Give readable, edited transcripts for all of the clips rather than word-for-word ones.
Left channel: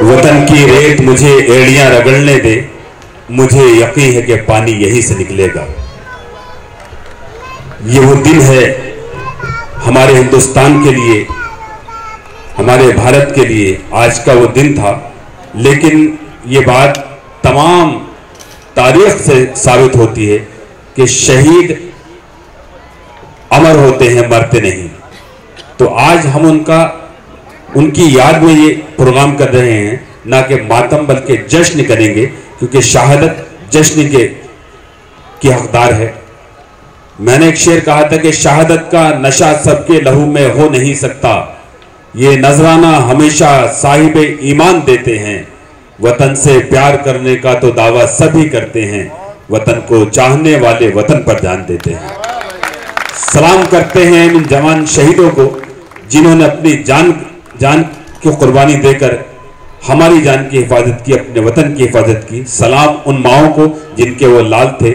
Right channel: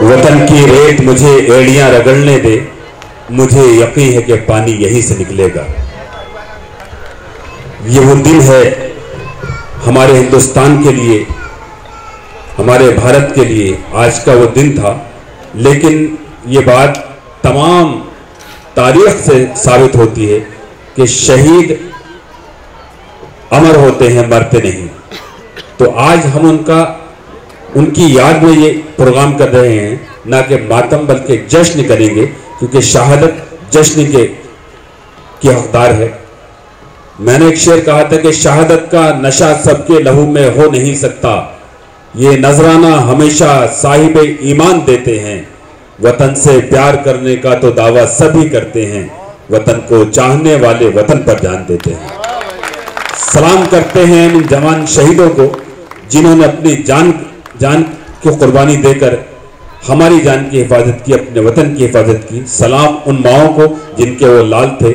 वतन की रेत मुझे एड़ियां रगड़ने दे, मुझे यकीन है कि पानी यहीं से निकलेगा। ये वो दिन है हमारे हिंदुस्तान के लिए, हमारे भारत के लिए आज का वो दिन था। लेकिन ये बात तमाम तारीख से साबित होती है कि शहीद अमर होते हैं, मरते नहीं। तो आज हम उनकी याद में ये प्रोग्राम कर रहे हैं, ना कि मातम बल्कि जश्न करेंगे, क्योंकि शहादत जश्न की हकदार है। मैंने एक शेर कहा था कि शहादत का नशा सबके लहू में हो नहीं सकता, ये नजराना हमेशा साहिब ईमान देते हैं। वतन से प्यार करने का तो दावा सभी करते हैं, वतन को चाहने वाले वतन पर जान देते हैं। सलाम करते हैं इन जवान शहीदों को जिन्होंने अपनी जान की कुर्बानी देकर हमारी जान की हिफाजत की, अपने वतन की हिफाजत की। सलाम उन माओं को जिनके वो लाल थे।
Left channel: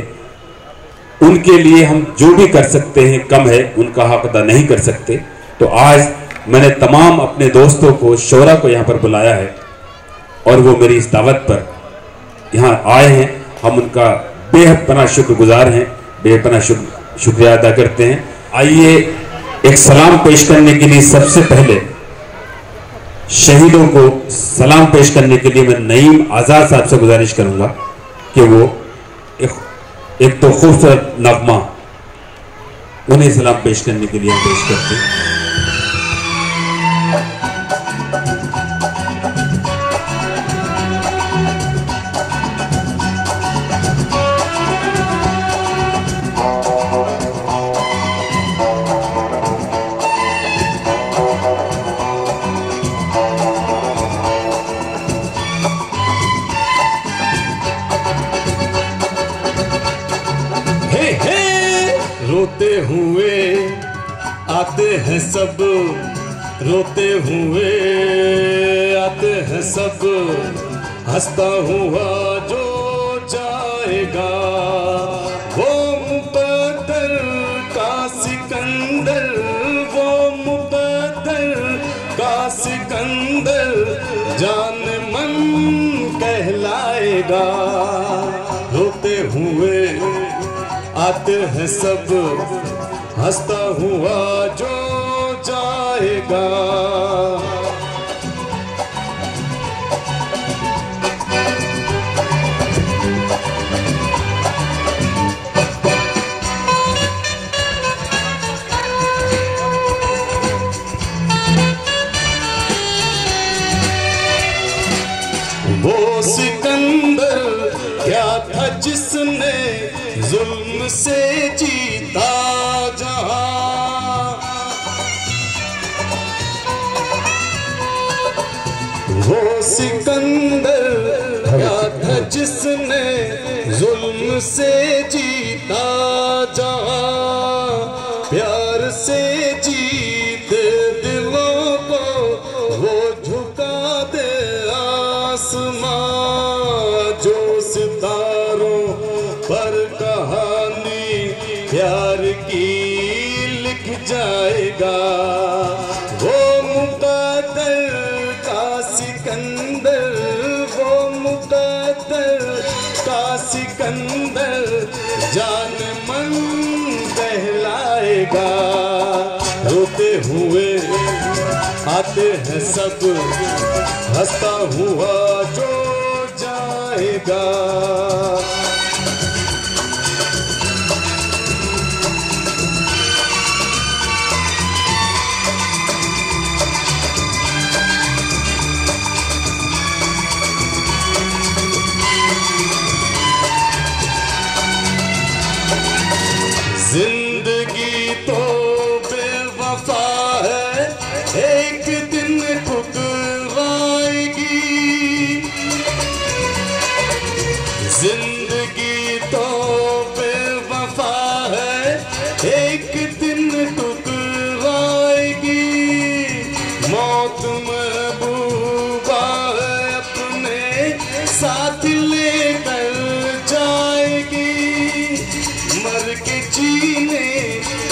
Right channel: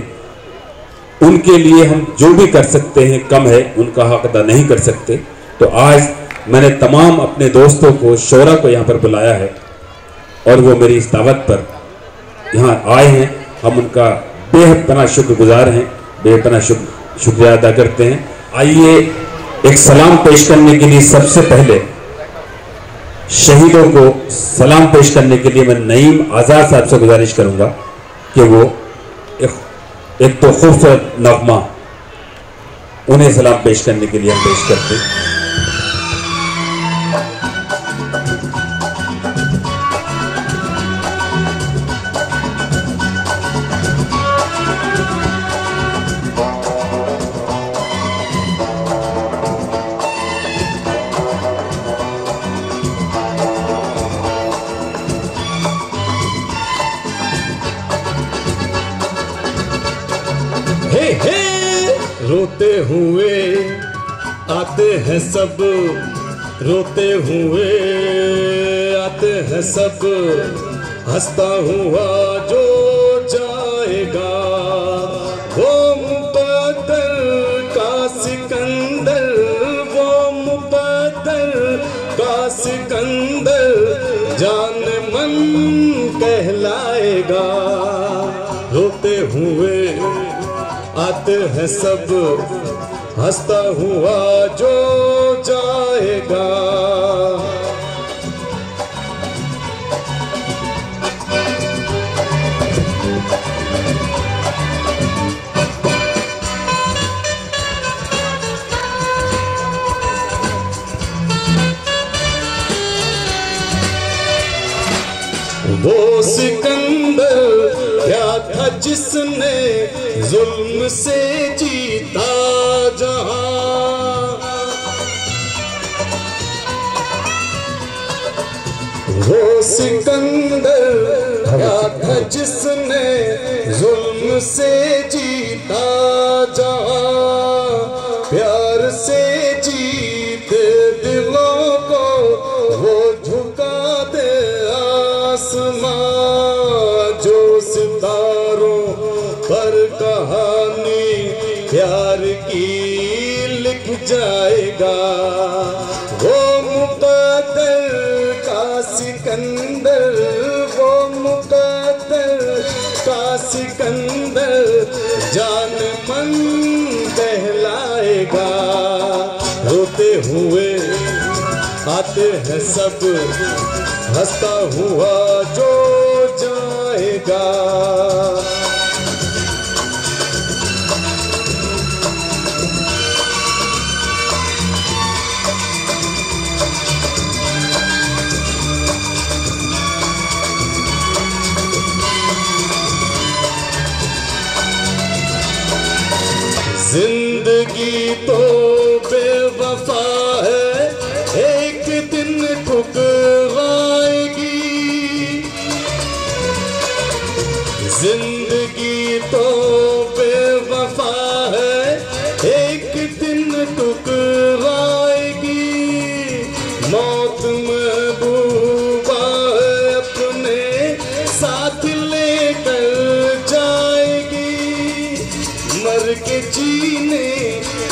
उनके लिए हम जो भी कर सकते हैं कम है, उनका हक अदा नहीं कर सकते। तो आज मैंने तमाम अपने दोस्तों को, शोरा को यहाँ पर बुलाया है और वो मेरी इस दावत पर यहाँ आए हैं। हम उनका बेहद पना शुक्रगुजार हैं, बेपना शुक्रिया अदा करते हैं। आइए एक सलाम पेश करने के लिए सबसे पहले शहीदों को सलाम पेश करने के लिए मैं नईम आज़ाद साहब से गुजारिश करूंगा कि वो एक तो खूबसूरत नगमा उन्हें सलाम पेश करने के लिए हम पेश करते हैं। रोते हुए आते हैं सब, रोते हुए आते हैं सब, हंसता हुआ जो जाएगा वो मुकद्दर का सिकंदर, वो मुकद्दर का सिकंदर जान मन कहलाएगा। रोते हुए आते हैं सब, हंसता हुआ जो जाएगा। वो सिकंदर क्या था जिसने जुल्म से जीता जहां, वो सिकंदर क्या था जिसने जुल्म से जीता जहां, प्यार से जीते दिलों को वो झुका दे आसमां, जो सितारों पर कहानी प्यार की लिख जाएगा। वो मुकद्दर का सिकंदर, वो मुकद्दर का सिकंदर जान मन कहलाएगा। रोते हुए आते हैं सब, हंसता हुआ जो जाएगा। जिंदगी तो बेवफा है, एक दिन ठुकराएगी। जिंदगी तो बेवफा है, एक दिन टुकराएगी। मौत महबूबा है, अपने साथ लेकर जाएगी। मर के जीने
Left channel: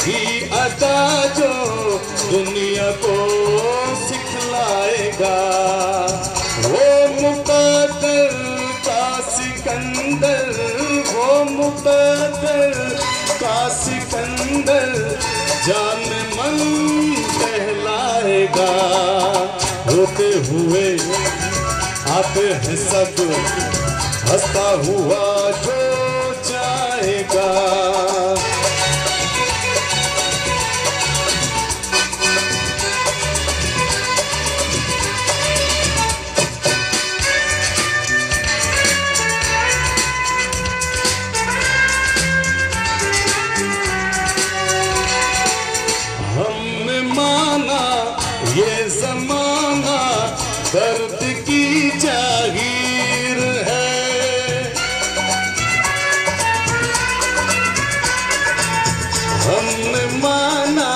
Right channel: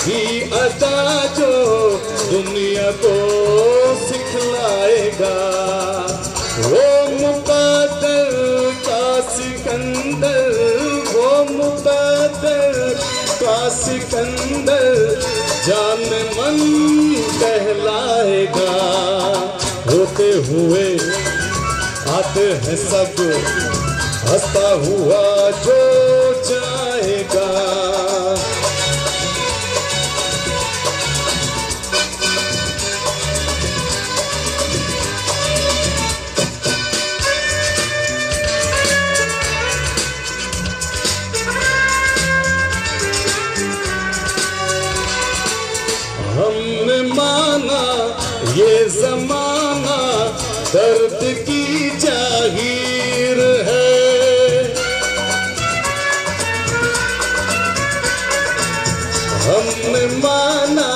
की अदा जो दुनिया को सिखलाएगा, वो मुकद्दर का सिकंदर, वो मुकद्दर का सिकंदर जान मन कहलाएगा। होते हुए आते हैं सब, हंसता हुआ जो जाएगा। हमने माना ये जमाना दर्द की जागीर है। हमने माना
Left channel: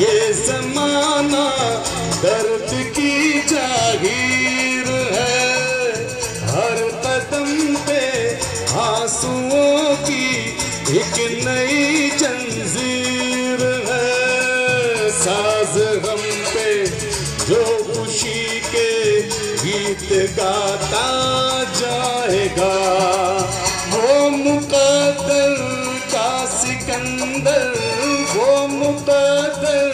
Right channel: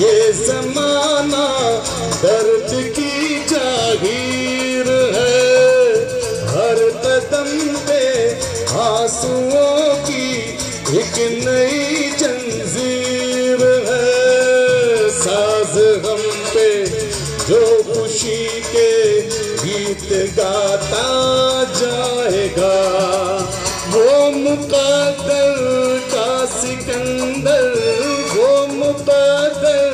ये जमाना दर्द की जागीर है। हर कदम पे आंसुओं की एक नई जंजीर है। साज हम पे जो खुशी के गीत गाता जाएगा, वो मुकद्दर का सिकंदर, वो मुकद्दर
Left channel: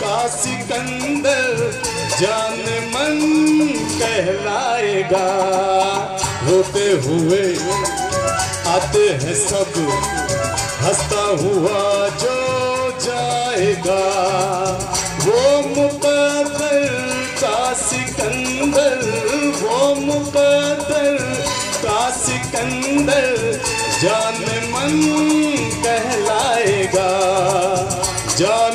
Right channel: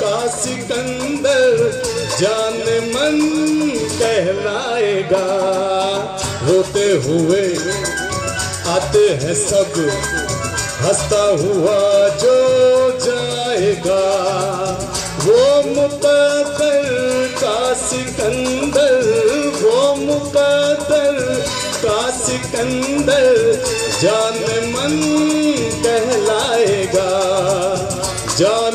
का सिकंदर जान मन कहलाएगा। रोते हुए आते हैं सब, हंसता हुआ जो जाएगा, वो मुकद्दर का सिकंदर, वो मुकद्दर का सिकंदर जान मन कहलाएगा। जान